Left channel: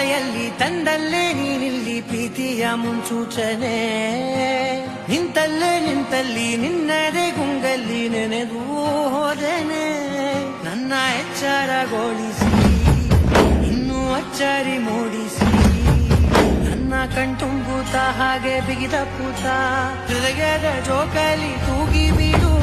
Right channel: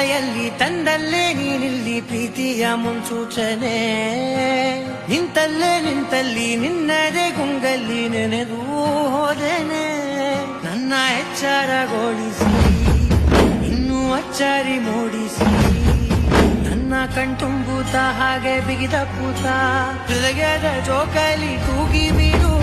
ಮಳೆಯಲ್ಲಿ ತಂದಲ್ಲೇ ನೀನಿಲ್ಲಿ ಪ್ರೀತಿಯ ಮುನ್ಸೂಚನೆ ನಿಂತಲ್ಲಿ ನಿನ್ನದೇ ಗುಂಗಲ್ಲಿ ನೆನೆದು ಹೋದೆನೆ ನನ್ನ ಎಚ್ಚರಗೊಳಿಸಿ ಇನ್ನೂ ಅಚ್ಚರಿ ಮೂಡಿಸಿ ನನ್ನ ಕಣ್ತುಂಬುತ್ತ ಹಾಗೆ ಬಿಗಿದ ಪೂತ ಹೃದಯದ ಜೋಕಾಲಿ ತೂಗಿ ಬಿಡು